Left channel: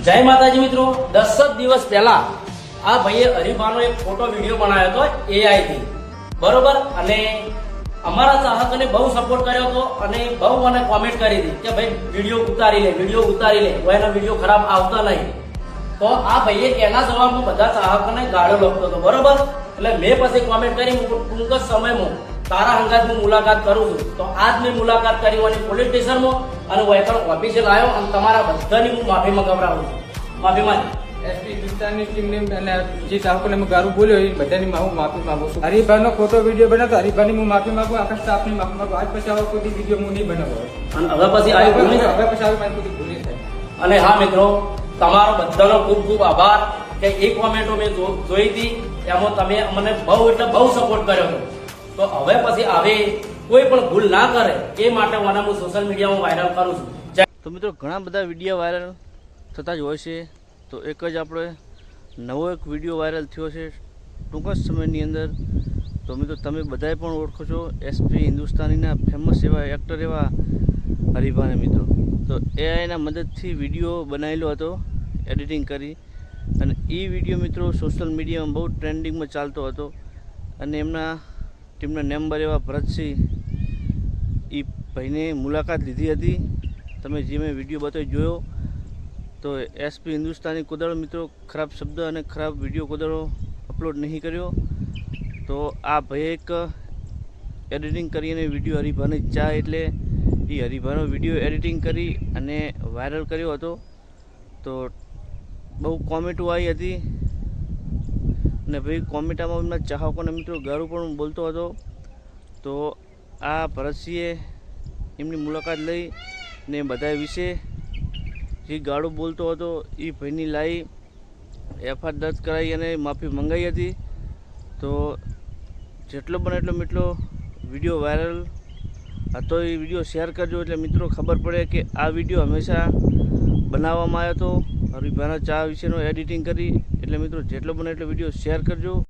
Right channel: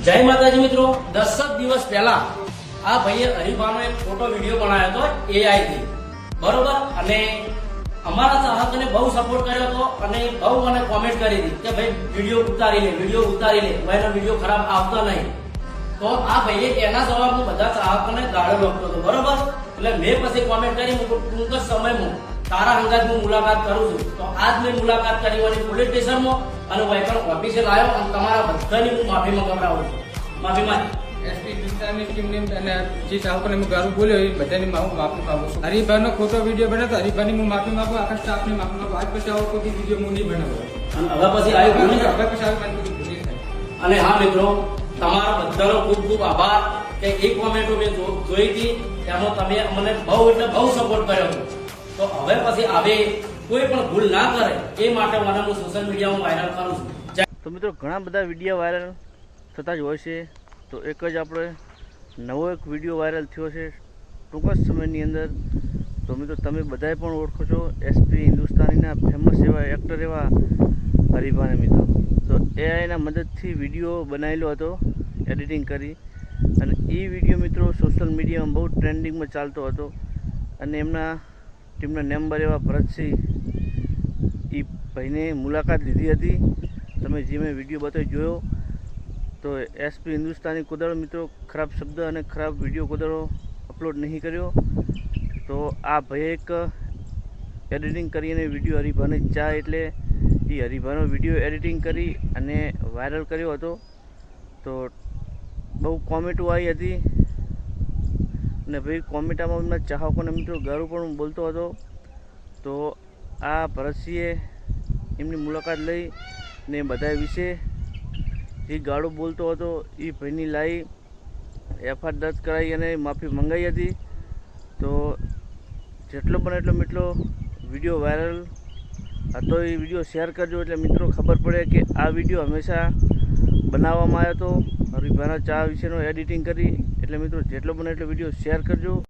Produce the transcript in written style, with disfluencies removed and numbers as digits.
જય માતાજી મિત્રો, 10 દિવસ પહેલા આ ભાઈએ હરીફાનો એક ફોટો વિડીયો બનાવ્યો હતો એઆઈ થી, બરોબર. અને અમારા ચાહકોને બહુ સપોર્ટ કર્યો હતો અને બહુ મને કોમેન્ટ કરી હતી કે ભાઈ વિડીયો ઉતારી લે, એનો વિડીયો ખરાબ આવતા નહીં. તો આ ભાઈએ એના જવાબમાં બધા ચાહકોને ગાળો લખતો હતો, બરોબર. એટલે મેં પછી કોમેન્ટ કરી ટૂંક જ સમયમાં તારા હંગાત હું મુલાકાત કરું છું. તો આજ મેં મુલાકાત કરી અને પોલીસ સ્ટેશનમાં અને વહીકલ ઓફિસે લાવ્યો અને તમારા બધાની હું માફી મંગાવડાવું છું. માફી માંગી એસપી હિન્દુસ્તાનની ટીમને અને જે ચાહકોને મેં ગારું બોલ્યો એ બધાની હું માફી માંગુ છું. હરિભાઈનો ખોટો વિડીયો બનાવતો હરિભાઈની હું માફી માંગુ, આખા સ્ટાફની માફી માંગુ. આજ પછી આવો કોઈ વિડીયો હું નહીં બનાવો અને હવે પછી આવ્યું ભૂલ નહીં. હવે પછી આવી મારી કોઈ ભૂલ નહીં થાય. અને હા મિત્રો, તમારો બધાનો ખૂબ ખૂબ આભાર કે એક કોમેન્ટો મેં જોઈ હતી, એમાં તમે મને બહુ એટલે બહુ સપોર્ટ કર્યો હતો. તો હવે પછી આવે કોઈ પણ ભૂલ ના કરે એ માટે હું સોશિયલ મીડિયામાં વાયરલ કરું છું. તો મિત્રો ઘણા બધા વિડીયો વાયરલ થતા જ હોય છે. તો એક જ આપણે નવો એક વિડીયો વાયરલ થયો છે ટૂંક જ સમયની અંદર. તો મિત્રો તમે બધાએ પણ ઓળખો છો એસપી હિન્દુસ્તાનીના ફેમસ એવા એક્ટર એવા હરીભાને મિત્રો. તો એઆઈના મદદથી વિડીયો બનાવેલો હતો એડિટિંગ કરી, અને એ વિડીયો મિત્રો સોશિયલ મીડિયામાં બહુ ટ્રેન્ડિંગમાં ચાલતો હતો. અને એમના ટીમના મેમ્બર એવા ભરતસિંહ એ ભાઈને મુલાકાત લીધી હતી. તમે જે મેં વિડીયો બતાવી જોયો. તો એસપી હિન્દુસ્તાની કોદાળો મિત્રો ખરાબ શબ્દ અને ખરાબ વિડીયો કોદાળો અપલોડ નહીં કર્યો. તો આ ભાઈએ એક એડિટિંગ કરી અને વિડીયો હરીભાને ચા એટલે એ હરીભાનો વિડીયો એડિટિંગ કરી અને વાયરલ કર્યો હતો. તો બહુ કોમેન્ટો આવી હતી અને ભાઈ કોમેન્ટામાં એમના ચાહકોને મિત્રો ગાળું પણ બોલતો હતો. તો આ ભરતસિંહે એમની મુલાકાત લઈ ને બધા વિશે જે ગાળું બોલતો હતો એ ભાઈની લાવી એફઆઈઆર દર્જ કરાવી અને માફી મંગાવી હતી. તો જેટલો બને એટલો મિત્રો વિડીયો વાયરલ હતો એ વિડીયો શેર કરજો, એટલે મિત્રો ખબર પડે કે આ વિડીયો હંમેશા બનાવવામાં આવ્યો હતો હરીભાના ચા વિશેનો એડિટિંગ કરી. એટલે મિત્રો જેટલો બને એટલો વિડીયો શેર કરજો.